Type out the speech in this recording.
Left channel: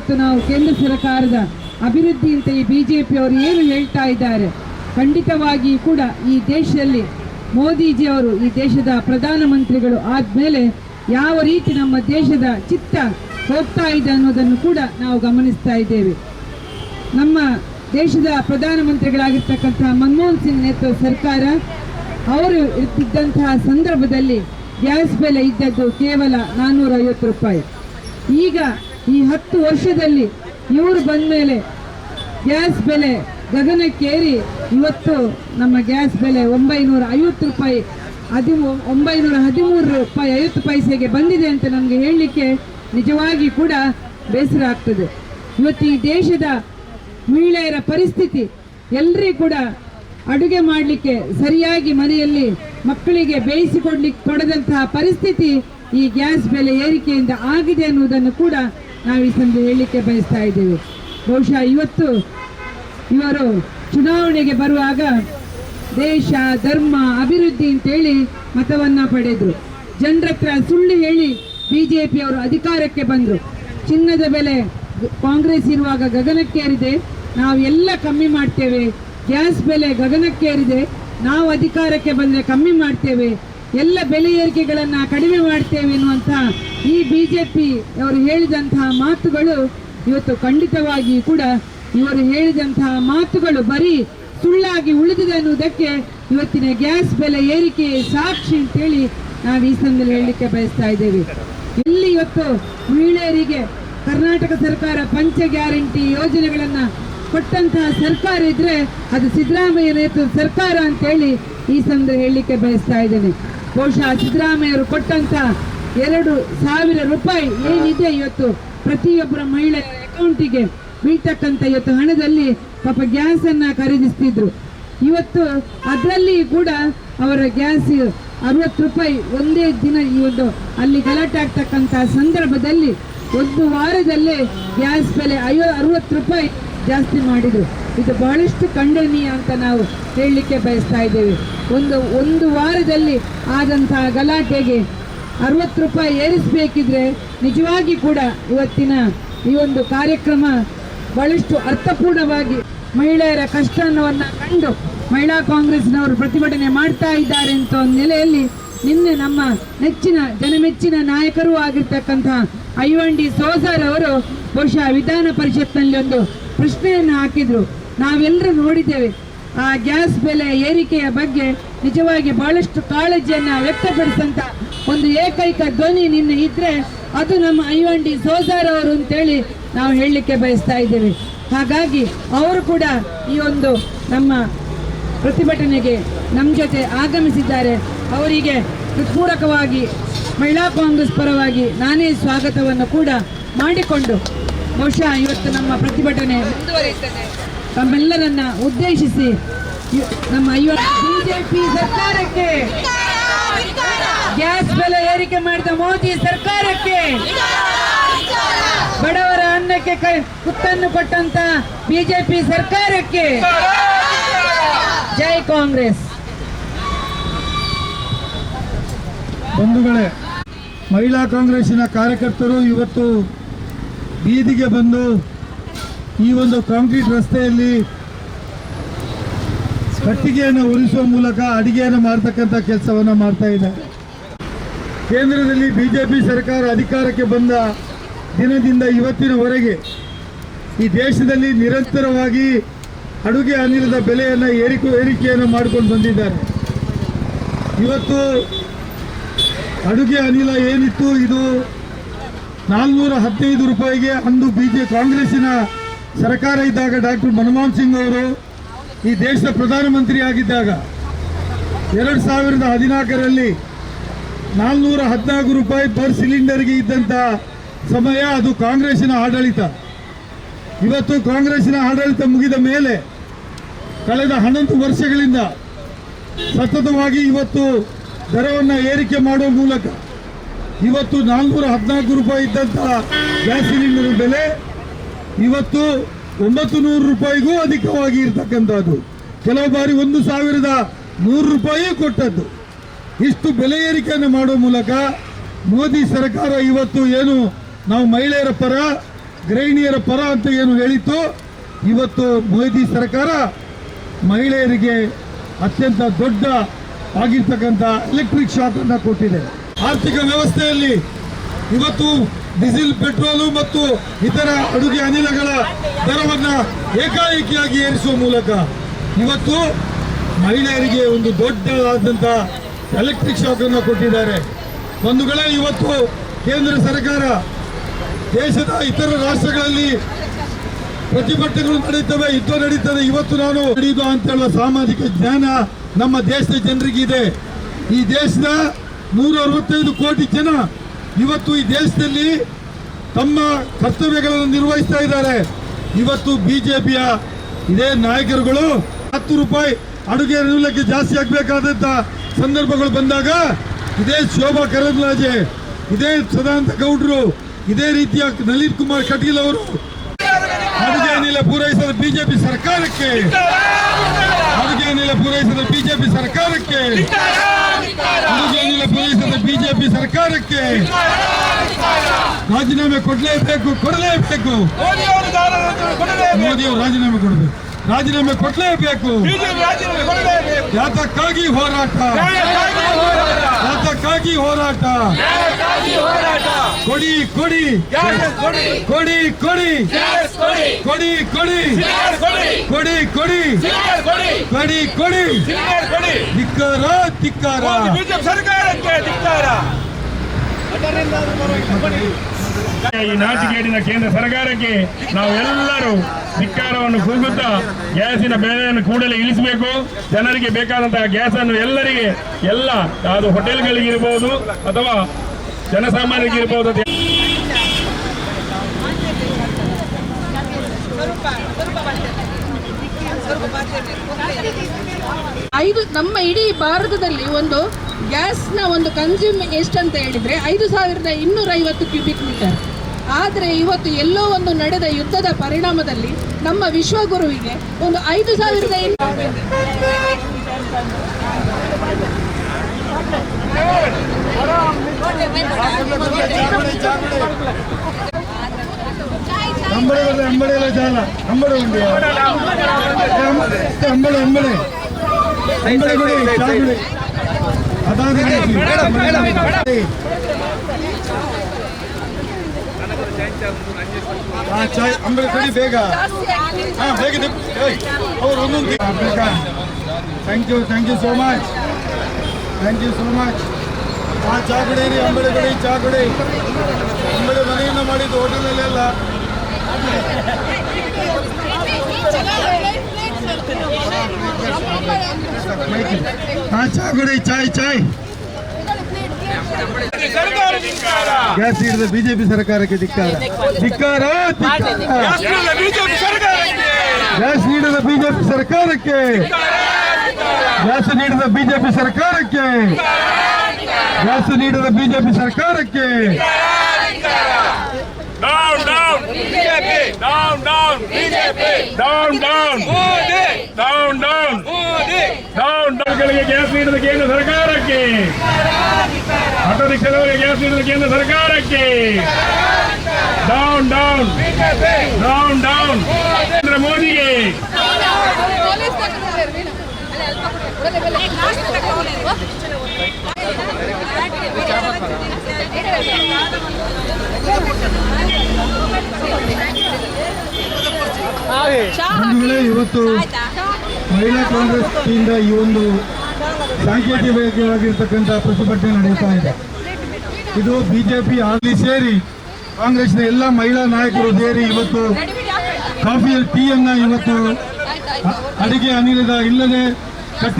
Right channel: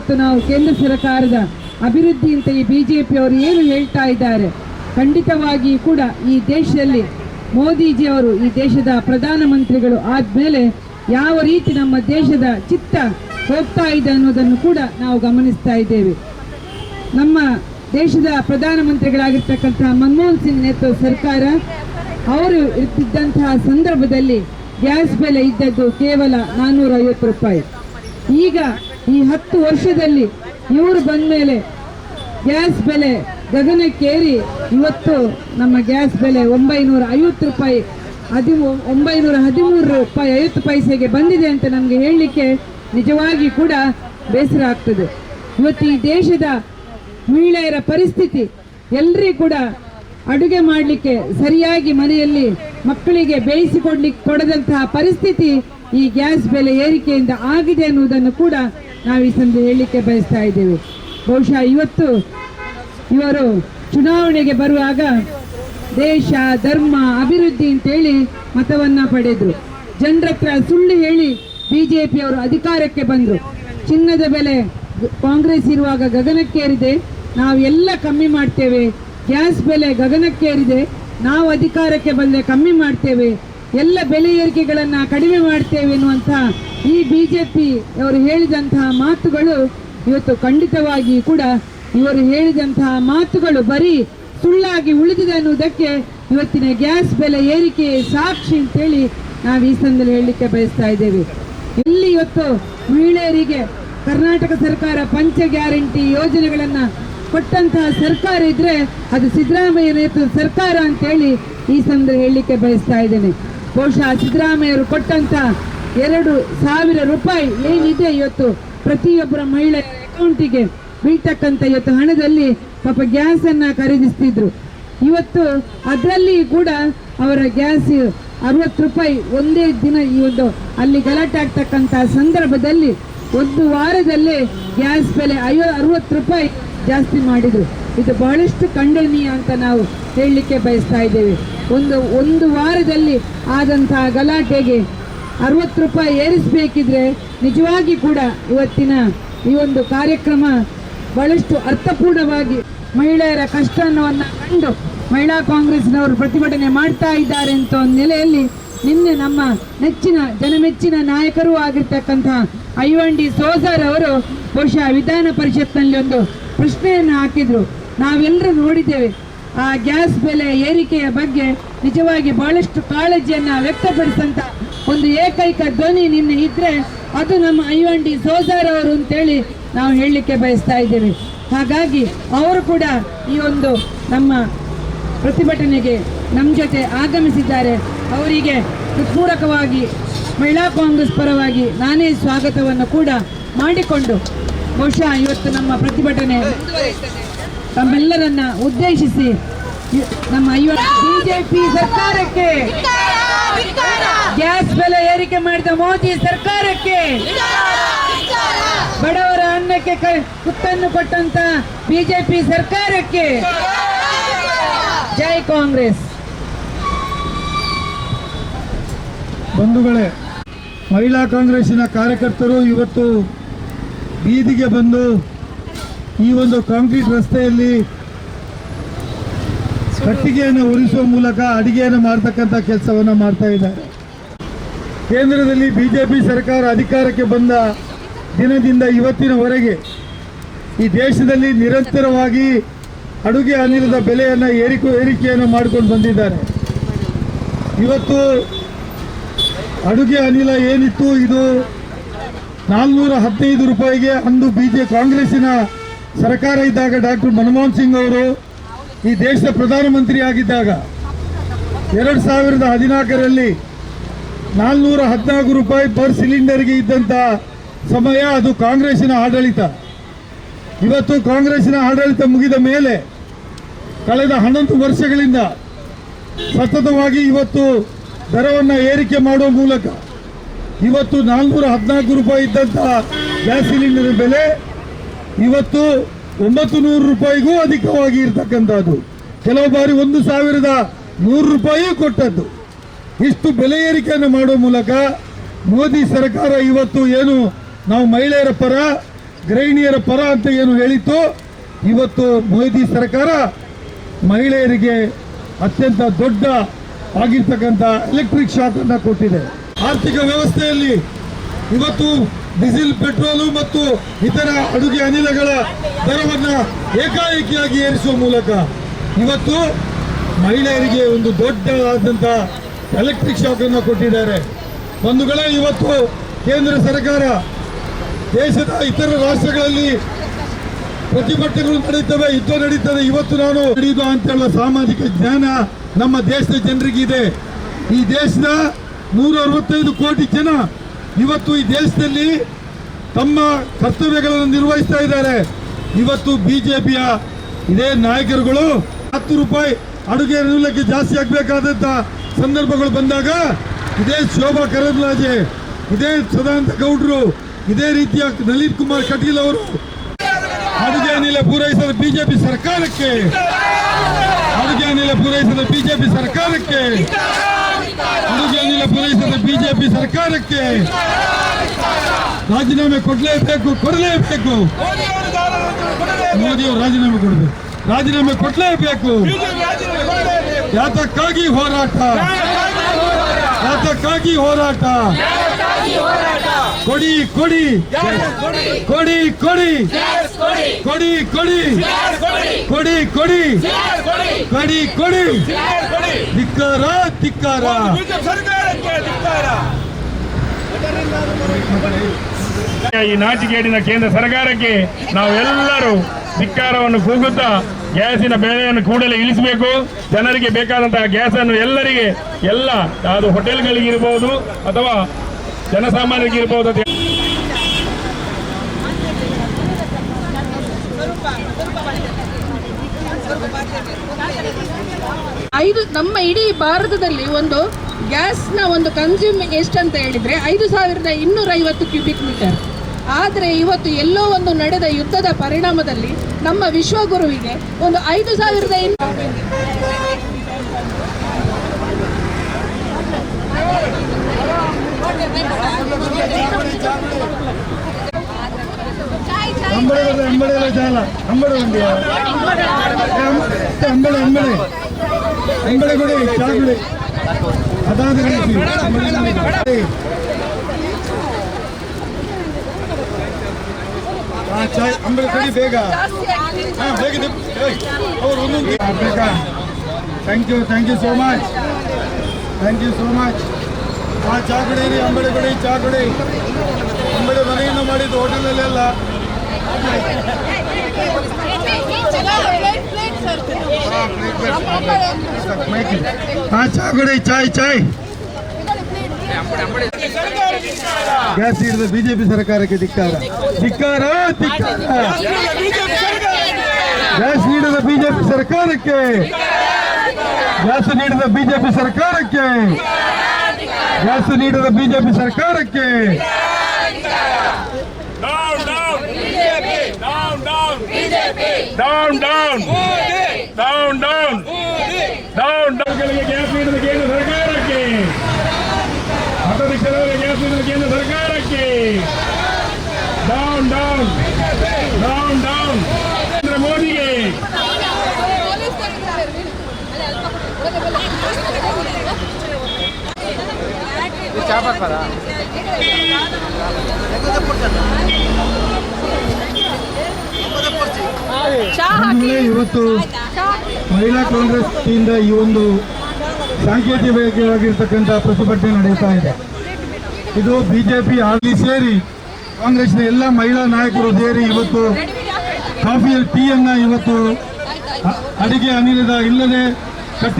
ಇವತ್ತು ನಾವು ಕೇಂದ್ರ ಸರ್ಕಾರದ ಅಭಿವೃದ್ಧಿ ಅಂತ ಈ ಬಿಜೆಪಿಯವರು ಏನು ಹೇಳ್ತಾ ಇದ್ದಾರೆ, ಖಂಡಿತವಾಗಿ ಕೂಡ ಈ ದೇಶದಲ್ಲಿ ಮೋದಿಜಿಯವರು ಈ ದೇಶದ ಪ್ರಧಾನಮಂತ್ರಿಗಳು ಆದಮೇಲೆ ಯಾವ ರೀತಿ ನಮ್ಮ ದೇಶದ ಚಿತ್ತ ಹೋಗ್ತಾ ಇದೆ ಅನ್ನೋದನ್ನು ಕೂಡ ನಾವು ಗಮನಿಸ್ತಾ ಇದ್ದೇವೆ. ನಮ್ಮ ದೇಶದ ಪ್ರಧಾನಮಂತ್ರಿಗಳಾಗಿರ್ತಕ್ಕಂತಹ ಮನಮೋಹನ್ ಸಿಂಗ್ ನೇತೃತ್ವದ ಸರ್ಕಾರ ಅವರು ಇದ್ದಂತಹ ಸಂದರ್ಭದಲ್ಲಿ ಗ್ಯಾಸ್ ಬೆಲೆ ಇದ್ದದ್ದು ಕೇವಲ 450 ರೂಪಾಯಿ. ಈಗ ಈ 10 ವರ್ಷದಲ್ಲಿ ಇವರು ಬಂದ ಮೇಲೆ ಗ್ಯಾಸ್ ಬೆಲೆ ಗಗನಕ್ಕೇರಿ ಇವತ್ತು ನಮ್ಮ ಗ್ಯಾಸ್ ಬೆಲೆ 950 ರೂಪಾಯಿ 913 ರೂಪಾಯಿ 50 ಪೈಸೆಗೆ ಬಂದಿದೆ ಅಂತ ನಮಗೆ ಹೇಳಲಿಕ್ಕೆ ನಿಜವಾಗಿ ಕೂಡ ಬೇಸರ ಆಗ್ತದೆ. ಇವತ್ತು ಈ ದೇಶದ ಮಹಿಳೆಯರ ಪರಿಸ್ಥಿತಿ, ಎಲ್ಲರಿಗೂ ಕೂಡ ಅಡುಗೆ ಮಾಡಲಿಕ್ಕೆ ಸರಿಯಾಗಿ ಮನೆಯಲ್ಲಿ ಮಕ್ಕಳಿಗೆ ಕೊಡದಂತಹ ಪರಿಸ್ಥಿತಿ ಈ ಗ್ಯಾಸ್ ಬೆಲೆ ಏರಿಕೆಯಿಂದ ಆಗಿದೆ ಅನ್ನುವುದನ್ನು ಕೂಡ ನಾವು ಈ ಸಂದರ್ಭದಲ್ಲಿ ಹೇಳಲಿಕ್ಕೆ ಬಯಸ್ತಾ ಇದ್ದೇವೆ. ಬಹುಶಃ ಇವತ್ತು ಇವರು ಚುನಾವಣೆಗೆ ಬರುವಾಗ ದೇಶ ಧರ್ಮ ಅಭಿವೃದ್ಧಿ ಅಂತೇಳಿ ಮತವನ್ನ ಪಡೆದ್ರು. ಜನರ ಹತ್ರ ಸುಳ್ಳು ಹೇಳಿ ಬಿಜೆಪಿಯವರು ಅಧಿಕಾರಕ್ಕೆ ಬಂದರು. ಚಿನ್ನದ ಬೆಲೆ ಕಾಂಗ್ರೆಸ್ ಇರುವಾಗ ಗಗನಕ್ಕೇರಿದೆ, ನಾವು ಎಲ್ಲ ಕಮ್ಮಿ ಮಾಡ್ತೇವೆ. ಗ್ಯಾಸ್ ಬೆಲೆ ಗಗನಕ್ಕೇರಿದೆ, ನಾವು ಅಧಿಕಾರಕ್ಕೆ ಬಂದರೆ ಕಮ್ಮಿ ಮಾಡ್ತೇವೆ. ಎಲ್ಲ ಬೆಲೆ ಏರಿಕೆಗಳನ್ನು ಕಡಿಮೆ ಮಾಡ್ತೇವೆ ಎನ್ನುವಂಥ ಈ ಬಿಜೆಪಿ ಅವರು ಹೇಳಿದಂತಹ ಮಾತುಗಳು ಇವತ್ತು ಖಂಡಿತವಾಗಿ ಕೂಡ ಇವರು ಹೇಳಿದಂತಹ ಮಾತುಗಳು ಬರೀ ಸುಳ್ಳಾಗಿ ಉಳಿದಿದೆ ಅನ್ನುವುದಕ್ಕೆ ಇವತ್ತಿನ ಗ್ಯಾಸ್ ಬೆಲೆ ಏರಿಕೆ ಸಾಕ್ಷಿ ಅಂತೇಳಿ ನಾವು ಈ ಸಂದರ್ಭದಲ್ಲಿ ಹೇಳಲಿಕ್ಕೆ ಬಯಸ್ತಾ ಇದ್ದೇವೆ. ಇಲ್ಲಿ ಇವತ್ತು ಮಹಿಳೆಯರಿಗೆ ಕರ್ನಾಟಕ ಸರ್ಕಾರ ಪಂಚ ಗ್ಯಾರಂಟಿ ಯೋಜನೆಗಳನ್ನು ಕೊಟ್ಟಂತಹ ಸರ್ಕಾರ ಇದ್ರೆ ಅದು ಸಿದ್ದರಾಮಯ್ಯ ನೇತೃತ್ವದ ಸರ್ಕಾರ ಅಂತೇಳಿ ಈ ಸಂದರ್ಭದಲ್ಲಿ ಹೇಳಲಿಕ್ಕೆ ಬಯಸ್ತಾ ಇದ್ದೇನೆ. ಬಹುಶಃ ಸಿದ್ದರಾಮಯ್ಯವರು ಕೊಟ್ಟಂತಹ 2,000 ರೂಪಾಯಿ ಏನಿದೆ ಇವತ್ತು ಪ್ರತಿಯೊಬ್ಬರ ಮಹಿಳೆಯರ ಅಕೌಂಟಿಗೆ ಬೀಳ್ತಕ್ಕಂಥ ಇವತ್ತು ಹಣದಲ್ಲಿ ಪಾಪ ಗ್ಯಾಸ್ ಅನ್ನ ಖರೀದಿಸ್ತಿದ್ರು. ಇವತ್ತು ಅದರಲ್ಲಿ ಕೂಡ ಅವರ ಗ್ಯಾಸ್ 60 ರೂಪಾಯಿ ಒಂದೇ ದಿನ ಈ ಒಂದು ಅಲ್ಲಿ ಗಲಾಟೆ ಆಗ್ತಕ್ಕಂಥ ಸಂದರ್ಭದಲ್ಲಿ ಒಂದು ವಾರದಲ್ಲೇ ಗ್ಯಾಸ್ ಬೆಲೆ 60 ರೂಪಾಯಿ ಜಾಸ್ತಿ ಮಾಡಿದ್ರು. ಇದು ಬಹಳಷ್ಟು ಖಂಡನೀಯ ಅಂತ ನಾವು ಹೇಳಲಿಕ್ಕೆ ಬಯಸ್ತಾ ಇದ್ದೇವೆ. ಒಂದು ವಾರದಲ್ಲಿ ಆದಂತಹ ಗಲಾಟೆಗೆ 60 ರೂಪಾಯಿ ಏರಿಸಬೇಕಿದ್ರೆ ನಿಜವಾಗಿ ಕೂಡ ಇವತ್ತಿನ ಈ ಒಂದು ಕಾರ್ಯಕ್ರಮ ಬಹಳಷ್ಟು ಅರ್ಥಪೂರ್ಣವಾಗಿ ಮಹಿಳೆಯರ ಕಷ್ಟವನ್ನು ಕಂಡು ಮಹಿಳಾ ಕಾಂಗ್ರೆಸ್ನವರು ಪ್ರತಿಭಟನೆ ಮಾಡ್ತಾ ಇದ್ದಾರೆ ಅಂತ ಒಂದು ನೆಲೆಯಲ್ಲಿ ನಿನ್ನೆ ನಮ್ಮ ಜನಮೆಚ್ಚಿನ ನಾಯಕರೂ ಆಗಿರ್ತಕ್ಕಂತಹ ಐವನ್ ಸೋಜರ್ ಅವರು ಬಹುಶಃ ವಿಧಾನ ಪರಿಷತ್ನಲ್ಲಿ ಒಂದು ಪ್ರಶ್ನೆಯನ್ನು ಹಾಕಿದ್ರು. ನಾವೆಲ್ಲರೂ ನೋಡಿದ್ದೇವೆ. ಆ ಗ್ಯಾಸ್ ಬೆಲೆ ಏರಿಕೆಯ ಬಗ್ಗೆ ನಿಜವಾಗಿ ಬಹಳಷ್ಟು ಕಾಳಜಿಯನ್ನು ವ್ಯಕ್ತಪಡಿಸಂತ ಒಂದು ಏಕೈಕ ಧ್ವನಿ ನಿನ್ನೆ ಇದ್ರೆ ಅದು ನಮ್ಮ ಐವನ್ ಸೋಜರ್ ಅವರು ಅಂತೇಳಿ ನಾವು ಹೇಳಲಿಕ್ಕೆ ಬಯಸ್ತಾ ಇದ್ದೇವೆ. ಹಾಗಾಗಿ ಅವರು ಕೂಡ ಈ ಒಂದು ನಮ್ಮ ಪ್ರತಿಭಟನೆಗೆ ನಮ್ಮ ಜೊತೆ ಆಗಮಿಸಿದ್ದಾರೆ. ಅವರಿಗೆ ಹೃತ್ಪೂರ್ವಕವಾಗಿ ಮಹಿಳಾ ಕಾಂಗ್ರೆಸ್ ಪರವಾಗಿ ನಾನೇ ಸ್ವಾಗತವನ್ನು ಕೂಡ ಮಾಡಿಕೊಂಡು ಬಹುಶಃ ಇವತ್ತು ನಮ್ಮ ಪ್ರತಿಭಟನೆ ಮುಂದುವರಿಯುತ್ತದೆ. ತಮ್ಮೆಲ್ಲರನ್ನ ಉದ್ದೇಶಿಸಿ ನಮ್ಮ ಬಿಜೆಪಿ ಸರ್ಕಾರಕ್ಕೆ, ಗ್ಯಾಸ್ ಬೆಲೆ ಏರಿಕೆ ಮಾಡಿದ ಮೋದಿ ಸರ್ಕಾರಕ್ಕೆ, ಬಡವರ ಅನ್ನಕ್ಕೆ ಕುತ್ತನ್ನು ಕೊಟ್ಟಂತ ಬಿಜೆಪಿ ಸರ್ಕಾರಕ್ಕೆ ಜೈ ಕಾಂಗ್ರೆಸ್. ಬಂಧುಗಳೇ, ಮಹಿಳಾ ಕಾಂಗ್ರೆಸ್ಸಿನ ಕಾರ್ಯಕರ್ತರು ಇವತ್ತು ಬೀದಿಗೆ ಬಂದು ಈ ಒಂದು ಕಾಂಕ್ರೀಟ್ ರಸ್ತೆಯಲ್ಲಿ ಕಟ್ಟಿಗೆಯನ್ನು ಉರಿಸುವ ಮೂಲಕ ಅಡಿಗೆಯನ್ನು ಮಾಡ್ತಕ್ಕಂಥ ಕೆಲಸವನ್ನು ಮಾಡ್ತಾ ಇದ್ದಾರೆ. ಕೇಂದ್ರದಲ್ಲಿ ಬಿಜೆಪಿ ಸರ್ಕಾರ ಅಧಿಕಾರಕ್ಕೆ ಬಂದ ದಿನದಿಂದ ಇವತ್ತಿನವರೆಗೆ ಈ ದೇಶದಲ್ಲಿ ನಿರಂತರವಾಗಿ ಅಡುಗೆ ಅನಿಲದ ಬೆಲೆಯನ್ನು ಏರಿಕೆಯನ್ನು ಮಾಡಿಕೊಂಡು ಬಂದಿದ್ದಾರೆ. ಇವತ್ತು ಅಡುಗೆ ಅನಿಲ ಏನಿತ್ತು ಇದು 415 ರೂಪಾಯಿಗೆ ಅಂದು ಕಾಂಗ್ರೆಸ್ಸಿನ ಸರ್ಕಾರ ಇದ್ದಾಗ ಡಾಕ್ಟರ್ ಮನಮೋಹನ್ ಸಿಂಗ್ ಅವರು ಈ ದೇಶದ ಪ್ರಧಾನಮಂತ್ರಿ ಆಗಿದ್ದಾಗ 2014ರಲ್ಲಿ 414 ರೂಪಾಯಿ ಪರ್ ಸಿಲಿಂಡರ್ಗೆ ಇದ್ದಂಥ ಸಮಯ ಅದು ಕಾಂಗ್ರೆಸ್ಸಿನ ಆಡಳಿತ. ಇವತ್ತು ಕಾಂಗ್ರೆಸ್ಸಿನ ಆಡಳಿತ ಮುಗಿದ ಮೇಲೆ ಕಳೆದ 11 ವರ್ಷಗಳಿಂದ ಸತತವಾಗಿ ಇವತ್ತು ದರವನ್ನು ಏರಿಕೆ ಮಾಡುವ ಮೂಲಕ ಇವತ್ತು 414 ರೂಪಾಯಿ ಇದ್ದಂಥ ಗ್ಯಾಸ್ ಸಿಲಿಂಡರ್ ಬೆಲೆ ಇವತ್ತು 900 ರೂಪಾಯಿಗೂ ಅಧಿಕವಾಗಿ ಇರ್ತಕ್ಕಂಥದ್ದು. ಕೆಲವು ಬಾರಿ 1,100 ರೂಪಾಯಿ ಕೊಟ್ಟದ್ದು. ಇಷ್ಟು ಬೆಲೆ ಏರಿಕೆಯನ್ನು ಮಾಡುವ ಮೂಲಕ ಮೋದಿ ಸರ್ಕಾರ ಇವತ್ತು ಏನು ನಾವು ಮಹಿಳೆಯರ ಪರ ಗೃಹಿಣಿಯರ ಪರ ಅಂತ ಏನು ಹೇಳಿತ್ತು, ಇವತ್ತು ಮೋದಿ ಸರ್ಕಾರ ಮಹಿಳೆಯರಿಗೆ ಅತ್ಯಂತ ದೊಡ್ಡ ಆಗಿರ್ತಕ್ಕಂಥ ಎಲೆಕ್ಟ್ರಿಕ್ ಶಾಕ್ ಅನ್ನು ಕೊಟ್ಟಿದೆ. ಆರ್ಥಿಕ ವ್ಯವಸ್ಥೆಯಲ್ಲಿ ಇವತ್ತು ಡೀಸೆಲ್, ಪೆಟ್ರೋಲು ಮತ್ತು ಇತರ ಅಡುಗೆ ಅನಿಲಗಳ ದರವನ್ನು ಏಕಾಏಕಿಯಾಗಿ ಏರಿಸುವ ಮೂಲಕ ಇವತ್ತು ಮಹಿಳೆಯರಿಗೆ ಒಂದು ದೊಡ್ಡದಾದಂಥ ಎಲೆಕ್ಟ್ರಿಕ್ ಶಾಕ್ ಅನ್ನು ಕೊಟ್ಟಿದ್ದಾರೆ. ಬಂಧುಗಳೇ, ಇವತ್ತು ಕೇಂದ್ರ ಸರ್ಕಾರ ದೇಶದ ಇತರ ರಾಷ್ಟ್ರಗಳಲ್ಲಿ ಪ್ರತಿಭಟನೆಗಳು ನಡೀತವೆ, ಯುದ್ಧ ನಡೀತದೆ. ಇವತ್ತು ನಾನು ನಡೆಯುವುದು ಅಂತ ಹೇಳುವ ಸಾಮಾಜಿಕ ಜ್ಞಾನ ನಮ್ಮ ದೇಶದ ಜನರಿಗಿದೆ. ಈ ದೇಶದ 165 ಕೋಟಿ ಜನ ಇವತ್ತು ಈ ದೇಶದಲ್ಲಿ ತಮ್ಮ ಕರ್ತವ್ಯಗಳನ್ನು ನಿರ್ವಹಿಸ್ತಾ ಇದ್ದಾರೆ. ಇವತ್ತು ಬಿಜೆಪಿಯ ಇದೇ ನಾಯಕರುಗಳು 10 ರೂಪಾಯಿ ಅಡುಗೆ ಅನಿಲಕ್ಕೆ ಜಾಸ್ತಿ ಆಗಬೇಕಾದಂಥ ಸಂದರ್ಭಗಳು ಬಂದಾಗ ಇದೇ ಶೋಭಾ ಕರಂದ್ಲಾಜೆ, ಇದೇ ಸದಾನಂದ ಗೌಡ್ರು, ಇದೇ ರೀತಿಯ ನಳಿನ್ ಕುಮಾರ್ ಕಟೀಲ್ ಅವರು ಅಡುಗೆ ಅನಿಲ ಪೂರೈಸಿದ ಬಿಜೆಪಿ ಸರ್ಕಾರಕ್ಕೆ, ಅಡುಗೆ ಅನಿಲ ಪೂರೈಸಿದ ಬಿಜೆಪಿ ಸರ್ಕಾರಕ್ಕೆ, ಅಡುಗೆ ಅನಿಲ ಪೂರೈಸಿದ ಬಿಜೆಪಿ ಸರ್ಕಾರಕ್ಕೆ ರಾಜೀನಾಮೆ ಕೊಡಲೇಬೇಕು. ಮೋದಿಯವರು ರಾಜೀನಾಮೆ ಕೊಡಬೇಕು, ರಾಜೀನಾಮೆ ಕೊಡಲೇಬೇಕು. ಯಾತಕ್ಕಾಗಿ ಹೋರಾಟ, ಯಾತಕ್ಕಾಗಿ ಹೋರಾಟ? ಕೊಡಿ ಕೊಡಿ ಕೊಡಿ ಕೊಡಿ ಕೊಡಿ ಕೊಡಿ ಕೊಡಿ ಕೊಡಿ ಕೊಡಿ ಕೊಡಿ. ಧಿಕ್ಕಾರ ಧಿಕ್ಕಾರ. ಈ ನಾಚಿಕೇಡಿನ ಕೇಂದ್ರ ಸರ್ಕಾರಕ್ಕೆ ನಾವೆಲ್ಲರೂ ಧಿಕ್ಕಾರವನ್ನು ಕೂಗುತ್ತಾ ಗ್ಯಾಸಿನ ಬೆಲೆಯನ್ನು ಕೂಡಲೇ ಇಳಿಸಬೇಕು. ಜನರಿಗೆ ಬೇಕಾದಂತಹ ಗ್ಯಾಸ್ ಅನ್ನು ಎಲ್ಲರಿಗೆ, ಎಲ್ಲ ಅದು ಹೋಟೆಲ್ಗಳಿಗಿರ್ಬೋದು ಅಥವಾ ಜನಸಾಮಾನ್ಯರಿಗಿರ್ಬೋದು. ನಮ್ಮ ಇಡೀ ಭಾರತದಲ್ಲಿ ಒಂದು ಗ್ಯಾಸ್ನ ಒಂದು ಕನ್ಸ್ಯೂಮ್ ಎಷ್ಟಂತ ಹೇಳಿದ್ರೆ 5250 ಕ್ಯೂಬಿಕ್ ಮೀಟರ್. ಆದರೆ ಇವತ್ತು ಎಲ್ಲೋ ಒಂದು ನಡೆದ ಯುದ್ಧದ ಪರಿಣಾಮದಲ್ಲಿ ನಮ್ಮ ವಿಶ್ವಗುರುವಿಗೆ ಒಂದು 5000 ಅಂಬಳೆ ಜಾಲ ಅಂಬಳೆ ಉಂಟು, ಅಂಬಳೆ ಅಂಬಳೆ ಅಂಬಳೆ ಗುಡಿ ಚಾ ಗುಡಿ ಅದಾದ ಚಾಯ್ ಅಂಬಳೆ ಕಡಿ ಬೇಗ, ಬೇಗ ಅವ್ರು ಒಂದೊಂದು ಬೇಕಾ. Thank you so much, thank you so much. ಚಾ ಕುಡೀರಿ, ಅಂಬಳೆ ಗುಡಿ ಚಾ ಕುಡಿ. ಅಂಬಳೆ ಮನೆಯಿಂದ ಮಾಡಿದ್ದು, ಹೋಟೆಲಲ್ಲೆಲ್ಲ. ಚಾ ಕುಡಿ, ಚಾಯ್. ಗ್ಯಾಸ್ ನೀಡಿದ ಬಿಜೆಪಿ ಸರ್ಕಾರಕ್ಕೆ ಧಿಕ್ಕಾರ, ಧಿಕ್ಕಾರ, ಗ್ಯಾಸ್ ನೀಡಿದ ಬಿಜೆಪಿ ಸರ್ಕಾರಕ್ಕೆ, ಗ್ಯಾಸ್ ನೀಡಿದ ಬಿಜೆಪಿ ಸರ್ಕಾರಕ್ಕೆ, ಗ್ಯಾಸ್ ನೀಡಿದ ಬಿಜೆಪಿ ಸರ್ಕಾರಕ್ಕೆ. Down, down, BJP. Down, down, BJP. Down, down, Modi. Down, down, Modi. Down, down. ಗಳಿಗೆ ಗ್ಯಾಸ್ ನೀಡಿದ ಕೇಂದ್ರ ಸರ್ಕಾರಕ್ಕೆ, ಆಟೋ ರಿಕ್ಷಾದವರಿಗೆ ಗ್ಯಾಸ್ ನೀಡಿದ ಕೇಂದ್ರ ಸರ್ಕಾರಕ್ಕೆ. Down, down, down, down. Narendra ಮೋದಿಗೆ. ಇವತ್ತು ಮಹಿಳಾ ಕಾಂಗ್ರೆಸ್ನಿಂದ ಈ ಒಂದು ಸಾಂಕೇತಿಕವಾಗಿರ್ತಕ್ಕಂಥ ಪ್ರತಿಭಟನೆ ನಡೆಯುತ್ತಾ ಇದೆ. ಇದು ಬಿಜೆಪಿ ಆಗಲಿ ಸೇರಿ ಕಾಂಗ್ರೆಸ್ನ ಎಲ್ಲ ಮಹಿಳಾ ನಾಯಕರು ಸೇರಿ ಇವತ್ತು ಕಾಫಿ ಟೀಯನ್ನ ಇವತ್ತು ಅಡಿಗೆ ಅನಿಲದ ಇಲ್ಲದೆ